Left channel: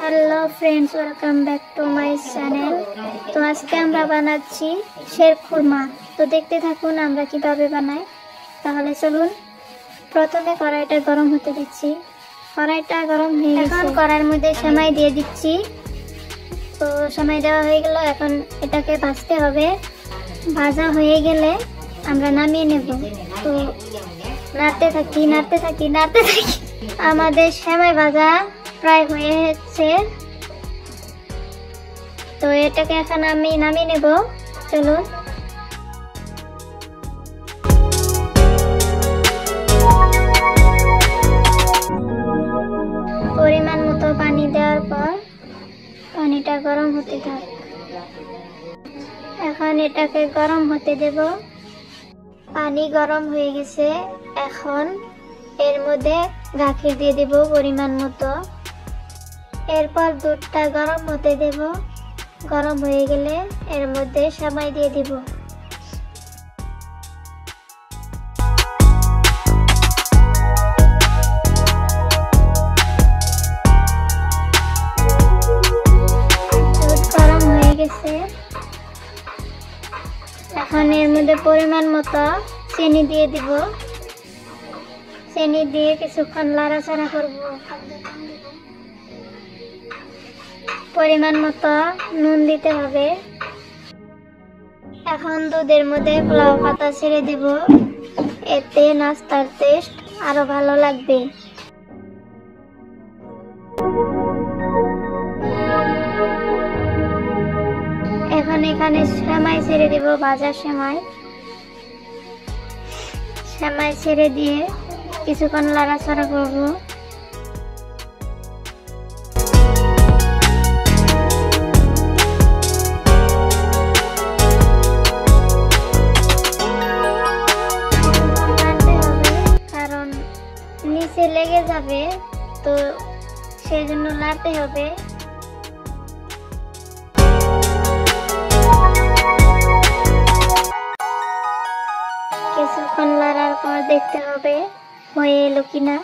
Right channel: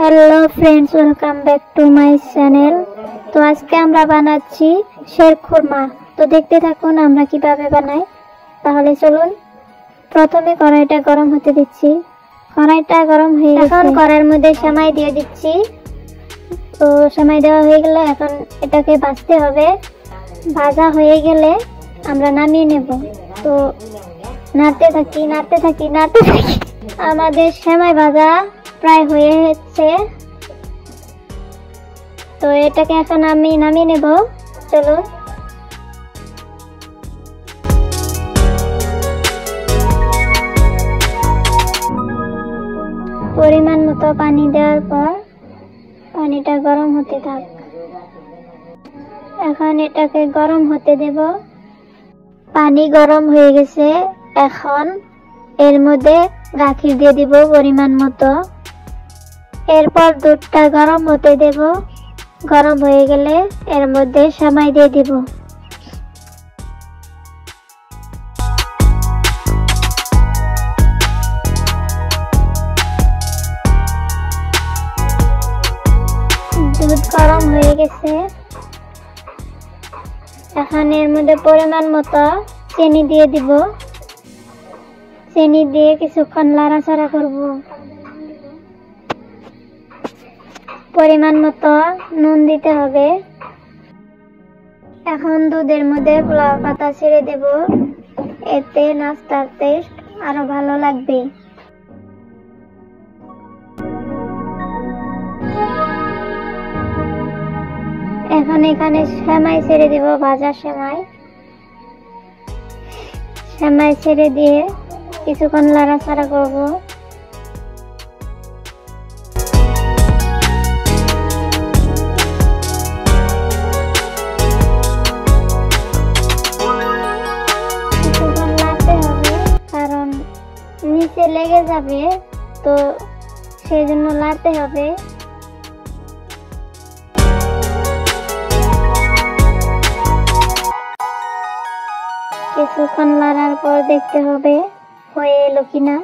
Hello friends, welcome back to my channel. তো আজকে আমরা বানাচ্ছি শেরখুরমা। তো দেখতে থাকুন আমরা কিভাবে বানাই। তাহলে চলুন, প্রথমে কড়াইটা গরম হতে দিচ্ছি। কড়াইটা গরম হয়ে গেছে, এখন কড়াইয়ের মধ্যে সেমাই দিয়ে দিচ্ছি। তো সেমাই দেওয়া হয়ে গেল, এখন এটাকে ভাজতে হবে। ভাজা হয়ে গেলে আমরা নামিয়ে নেব। তো নাড়তে থাকি। আমাদের সেমাই ভাজা প্রায় হয়ে যাচ্ছে। তো এটাকে এখন আমি নামিয়ে নেব। চলুন, পরিমাণ মতো পানি দেওয়ার পর পানিটা গরম হতে থাক। এখন এটাকে গরম হতে দেব। পানি গরম হয়ে গেছে, এখন এর মধ্যে গাখির দিয়ে দিব পরিমাণ মতো। এরপর দুধটা গরম হতে দেব। গরম হয়ে গেলে এর মধ্যে সেমাই দিয়ে দেব। দুধ গরম হয়ে গেছে, এখন এর মধ্যে পরিমাণ মতো চিনি দিয়ে দিব। চিনি দিয়ে কিছুক্ষণ নাড়াচাড়া করব। পরিমাণ মতো নুন দিতে হবে। এখন দুধের মধ্যে ফ্লাওয়ার পাতা ছেড়ে দেব, এতে নাস্তার টেস্ট আরো ভালো লাগবে। এখন এখানে সেমাই ছেড়ে দিব, ভাজা সেমাই ছেড়ে দিয়ে কিছুক্ষণ নাড়াচাড়া করব। কারণ নিচে লেগে যাবে, তো সেজন্য নাড়তে হবে। কিছুক্ষণ নাড়ার পর দেখতে হবে হয়ে এলো কিনা।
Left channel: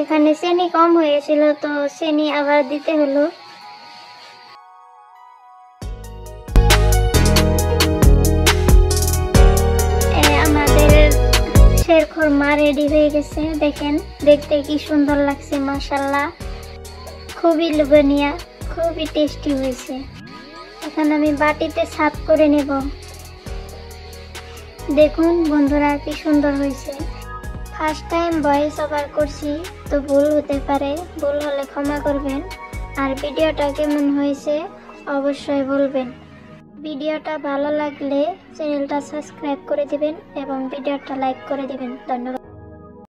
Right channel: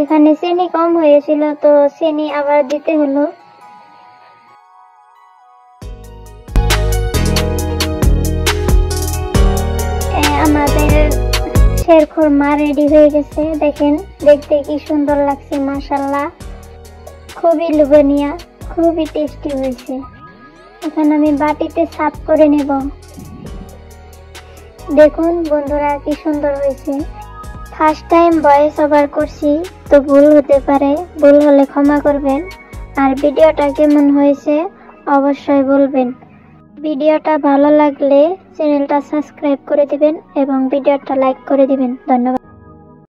এখানে চিনি কম হয়েছিল, তো চিনি আবার দিতে হলো। আমাদের শেরখুরমা রেডি হয়ে গেছে। দেখেন, দেখতে কি সুন্দর লাগছে, মাশাআল্লাহ। খুবই লোভনীয়, খুবই টেস্টি হয়েছে। এখন আমি বাটিতে সার্ভ করে নেব। দেখুন বন্ধুরা, কি সুন্দর হয়েছে। ফার্স্ট টাইম ভয়েস ওভার করছি, তো ভুল হতে পারে। ভুল হলে ক্ষমা করবেন। আর ভিডিওটা কেমন হয়েছে অবশ্যই বলবেন। ভিডিওটা ভালো লাগলে চ্যানেলটা সাবস্ক্রাইব করে দিবেন এবং ভিডিওটা লাইক করে দিবেন। ধন্যবাদ।